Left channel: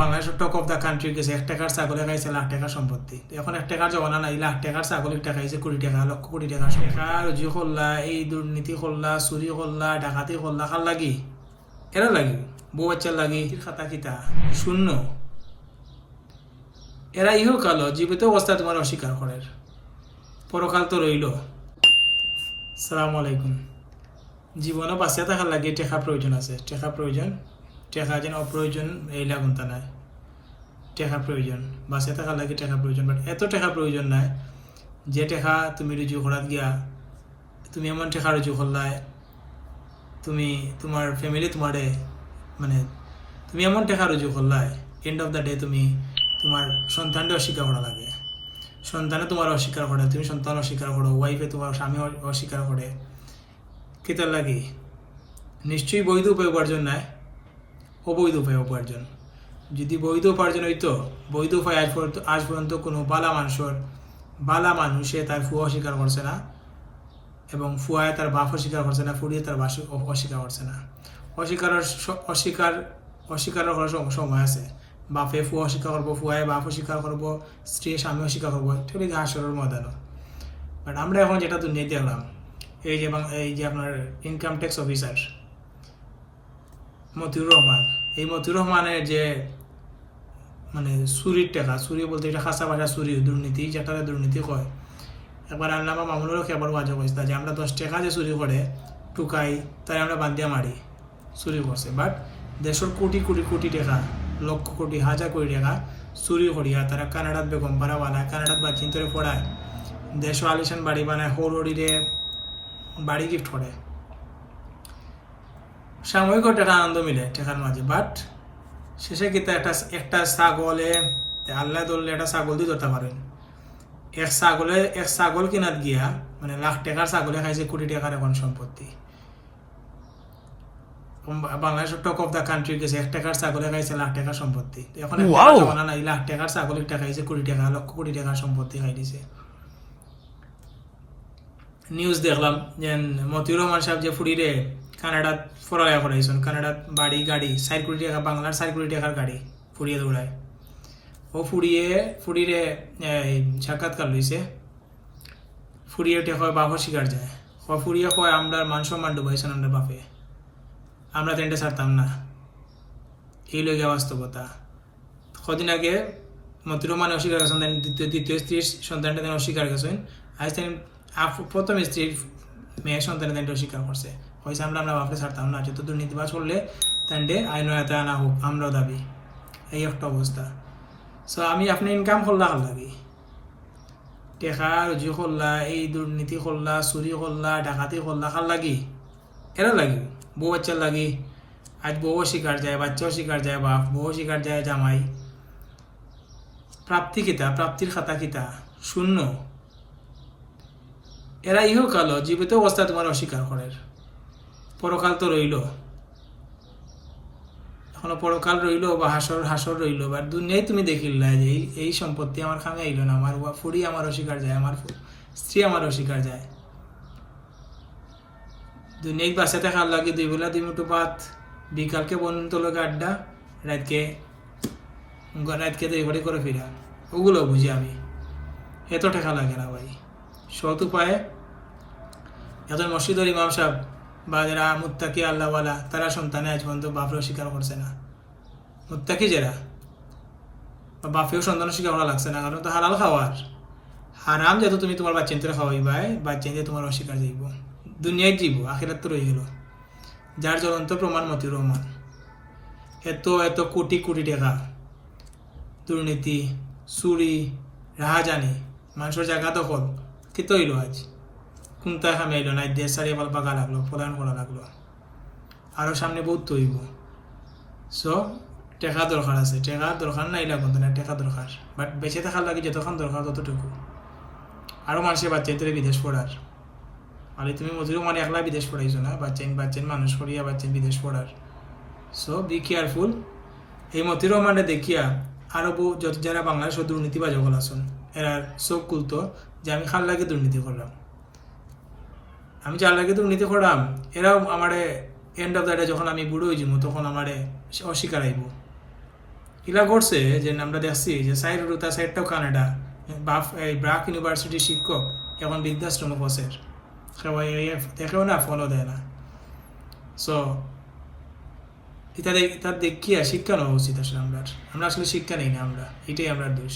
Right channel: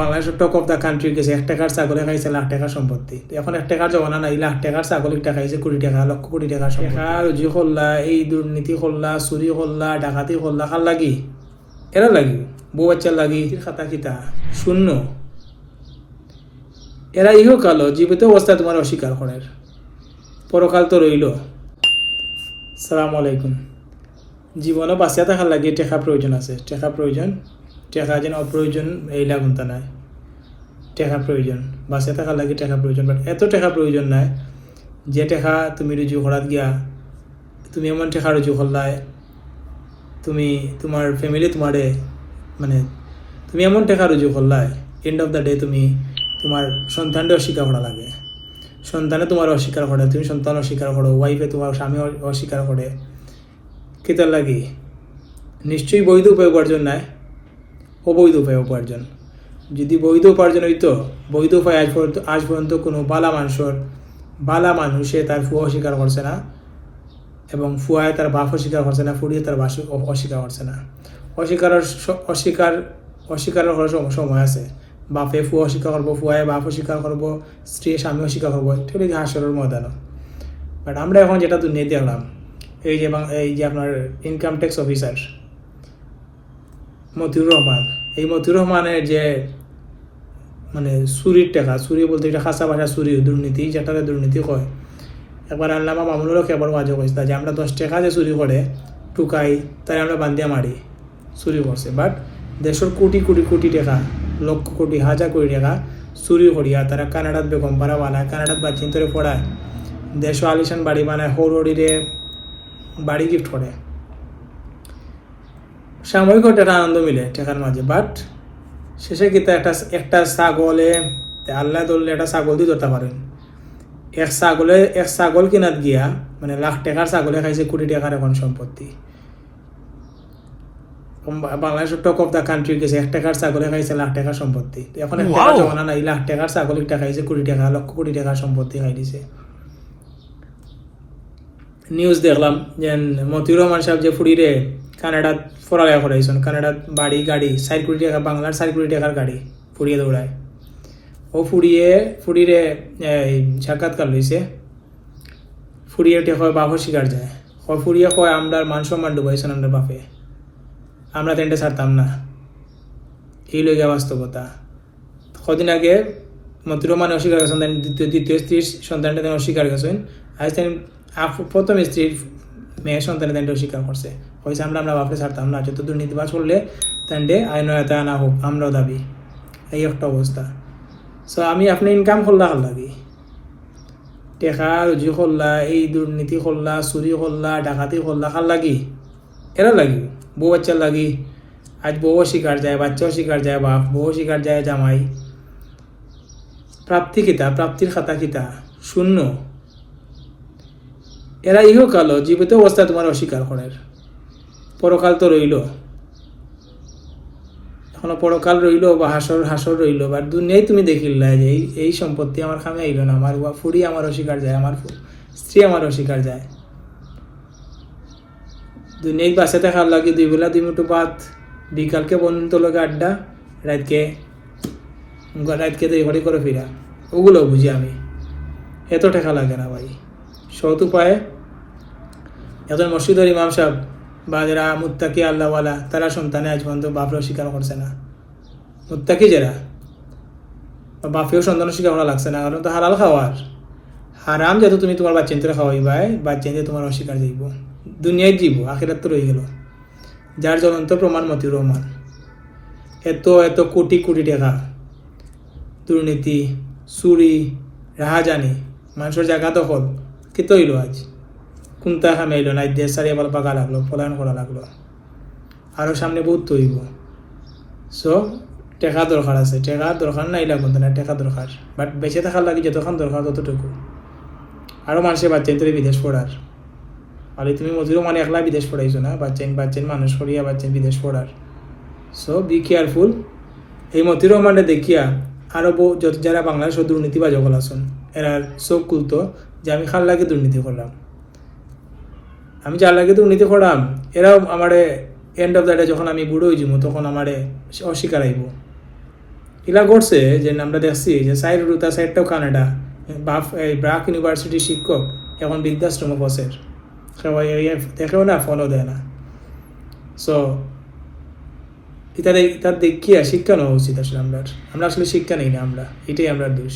Bangladesh talk of the country গেছে 1 টাকার ছাগলে খাইছে লাখ টাকার সম্পত্তি। এখন 1 টাকার জমানা নাই, লাখ টাকার ছাগল একটা খাইছে কোটি টাকা, লক্ষ কোটি টাকা রুজি করলা, এই দুর্নীতি করলা, চুরি করলা, ডাকাতি করলা, খাল লাগি এরা লাগি বউ বাচ্চার লাগি খাতা কিতা শূন্য। এরা ইহকাল জীবিত অবস্থায় তোমার অস্বীকার করার, পরকাল তো রইল। সালাম আলাইকুম। জীবনও বাঁচিয়া থাকার লাগে টেকা প্রয়োজন আছে, টেকা প্রয়োজন, টেকা যেন অপ্রয়োজন এই লাগুনতা নাই। টেকা প্রয়োজন, বাঁচিয়া থাকার লাগে টেকা প্রয়োজন, বাট এত টেকা প্রয়োজন নাই যে টেকা তুমি রুজু করাত গিয়া তুমি এমন টেকা রুজু করলাই তুমি তোমার ফ্যামিলি তোমারে মানে তুমি এমন টেকা রুজু করলাই এন্ড অফ দ্য ডে তুমি তোমার সন্তানটা অস্বীকার করা লাগে। সন্তানে তোমার অস্বীকার করে, তুমি সন্তান অস্বীকার করো, ওয়াইফে তোমার স্বামী অস্বীকার করে, কেতার লাগি? নিশ্চয়ই বৈধ উপায় উপার্জন নাই, অবৈধ উপায় উপার্জন। যদি বৈধ উপার্জন হইতো, বৈধ উপায় আজ পর্যন্ত কোনো বালা মানুষে তার ফুয়া অস্বীকার করছে না, এবং ফুয়ায় তার বাপ অস্বীকার করছে না, ফুড়িয়ে তার বাস অস্বীকার করছে না। অস্বীকার করার সময় আছে। বাপে ফুয়া অস্বীকার করবো, ফুয়ায় বাপ অস্বীকার করবো, স্ত্রী স্বামী অস্বীকার করবো, ঠিক আছে হাসরের ময়দানও। বাট আমরা এখন যেটা দুনিয়ায় দেখলাম, এই যে আপনার income tax officer Motiur Rahman, এই মতিউর রহমানের যে মানে চুরির টাকা, চুরি বলতে এটা খাসা ভাষা চুরি, দুর্নীতি, যেটাতে দুর্নীতি কয়। একবার আল্লামা মামুনুরও কেবল ওয়াজও কইছিল যে আমরা 10 টাকা যে চুরি করে টুকাই তাই আমরা বান্ধিয়া মারি, চুরি করছে। বাট দেশের কোটি কোটি কোটি টাকা, লক্ষ কোটি হাজার কোটি টাকা চুরি করিয়া তারা কানাডাত বেগম পাড়া বানায়, কানাডাত বাচ্চিন ধরে পড়ায়, দেশ আলিশান বাড়ি বানায়, হৌরড়িরে বাড়ি গিফট করে। সাময়িক একটা আনন্দ মিলে টাকার মাঝে, বাট শেষে কিন্তু একটা ছাগলে আল্লাহ ধরলে একটা ছাগল দিয়ে ধরতে পারেন। এক ছাগল কিনাত গিয়া মানে লাখ টাকার ছাগলে খাইছে কোটি টাকার এখন সম্পত্তি। বাংলাদেশের টক অফ দ্য কান্ট্রি গেছে 1 টাকার ছাগলে খাইছে লাখ টাকার সম্পত্তি। এখন জমানা নাই, লাখ টাকার ছাগল একটা খাইছে কোটি টাকা, লক্ষ কোটি টাকার সম্পত্তি খাই দিছে। নিউজ দেখলাম যে মতিউর রহমান সাহেব যে ফুড়িরে কানাডাত পড়ালেখা করাইছেন, কানাডাত বাড়ি গাড়ি 4 কোটি টাকা, বাংলার 4 কোটি টাকার গাড়ি ফুড়িয়ে দৌড়ায়। ও ফুড়িরে সাক্ষাৎকার লইছে, ফুড়িয়ে হয় বাপ শিকার যায়, ফুড়িয়ে কয় আমরা মান সম্মান ডুবাইছেন আমরা বাপে, আমরা তেনটা ছাড়তাম না। এই লইয়া বাস্তবতা। কদিন আগে মতিউর রহমান অস্বীকার গেছেন, দ্বিতীয় স্ত্রীর সন্তানটা তেন অস্বীকার গেছেন। আজ তেন প্রথম স্ত্রীর মেয়ের সন্তানে তেনটা অস্বীকার করছে, হয়েছে আমরা বাপকে ছাড়তাম না, যত দুর্নীতিবাজ করলে তেনটে আইনতা আনা হোক, আমরাও দাবি। এই একটা অবস্থা। সো আমি আপনি ইনকাম করলা ভাল লাগি, টেকা রুজি করলা, এই দুর্নীতি করলা, চুরি করলা, ডাকাতি করলা, খাল লাগি এরা লাগি বউ বাচ্চার লাগি। আজ বউ শিকার যায়, বাচ্চাও শিকার যায়, বাপ বউ শিকার যায়, জামাই। প্রাপ্তি কিতা, প্রাপ্তির খাতা কিতা শূন্য। এরা ইহকাল জীবিত অবস্থায় তোমার অস্বীকার করার, পরকাল তো রইল। এখনো পরকাল রইল বা হাসর রইল, বা দুনিয়ায় তুমি দেখিলা যে এই সম্পত্তি আমার খামে আইল না, আমার ফুড়ি আমার অস্বীকার যায়, আমার স্ত্রী আমার অস্বীকার যায়। দুনিয়ায় বাসে থাকার লাগে 2 বেলা 2 মুঠো ভাত, বিকালকে বন্ধুর লগে আড্ডা, রাতকে তৈরি করে ফিরা, ওগুলো বুঝি আমি। এত টাকা লাগে না ভাই। সৎ উপায়ে এখন মসজিদের ইমাম সাহেব বা যারা মুত্তাকি আল্লাহওয়ালা, তারা সন্তানে আজ পর্যন্ত বাপরে স্বীকার করছে না। মুত্তাকি যারা বাপেও সন্তান স্বীকার করা লাগছে না, কারণ তো হালাল খাওয়ার হারাম, যেহেতু তুমি তোমার বাচ্চাদের খাওয়াইবাই, বাচ্চাদের তোমার অস্বীকার দিব, দুনিয়ায় দিব, আখিরাত তো রয়ে গেল। যার জ্বলন্ত প্রমাণ মতিউর রহমান। এত কোটি কোটি টাকা দুর্নীতি, চুরি, রাহাজানি, মানুষের জায়গা দখল, কেত হইল আজ? কোনটা খামে আইল না, দেশ সারিয়া পাকা লাগলো, পলায়ন করা লাগলো, আরো সামনে বহুত তৈব। সো টেকা দরকার আছে, টেকা দরকার নাই লাগবে না, টেকা দরকার, বাট বেঁচে থাকার লাগে যতক্ষণ দরকার ততটুকু। আরো মানুষের বাচ্চাদের বিদেশ পড়ার, আর তুমি মজুরও মানে একলা বিদেশ পড়াইছো না, বাচ্চান মানুষ করিয়া বাচ্চান বিদেশ পড়ার। So be careful. এই মতিউর রহমানটা দেখিয়া আরো যত যারা বাংলাদেশের দুর্নীতিবাজ সকল আছেন, এরা চোখ খুলতো যে আমি খাল লাগে দুর্নীতি করলাম, আমি যার লাগে দুর্নীতি করলাম, এরাও আমারে এন্ড অফ দ্য ডে যখন আমি বুড়ো হয়ে যাবো তখন আমারে অস্বীকার আইব। ইলা করছে যে আমরা দেখছি যে সাইড রুতা সাইডটাও কানাডা বাফ এই ব্রাক ইউনিভার্সিটি শিক্ষক এখন বৃদ্ধাশ্রম বসের সবাই দেখেও না ফলো দেয় না সো তাদের দেখিয়া শিক্ষা নেওয়া উচিত আসলে আমরা আসলে শিক্ষা নেই না আমরা এটাই আমরা দোষ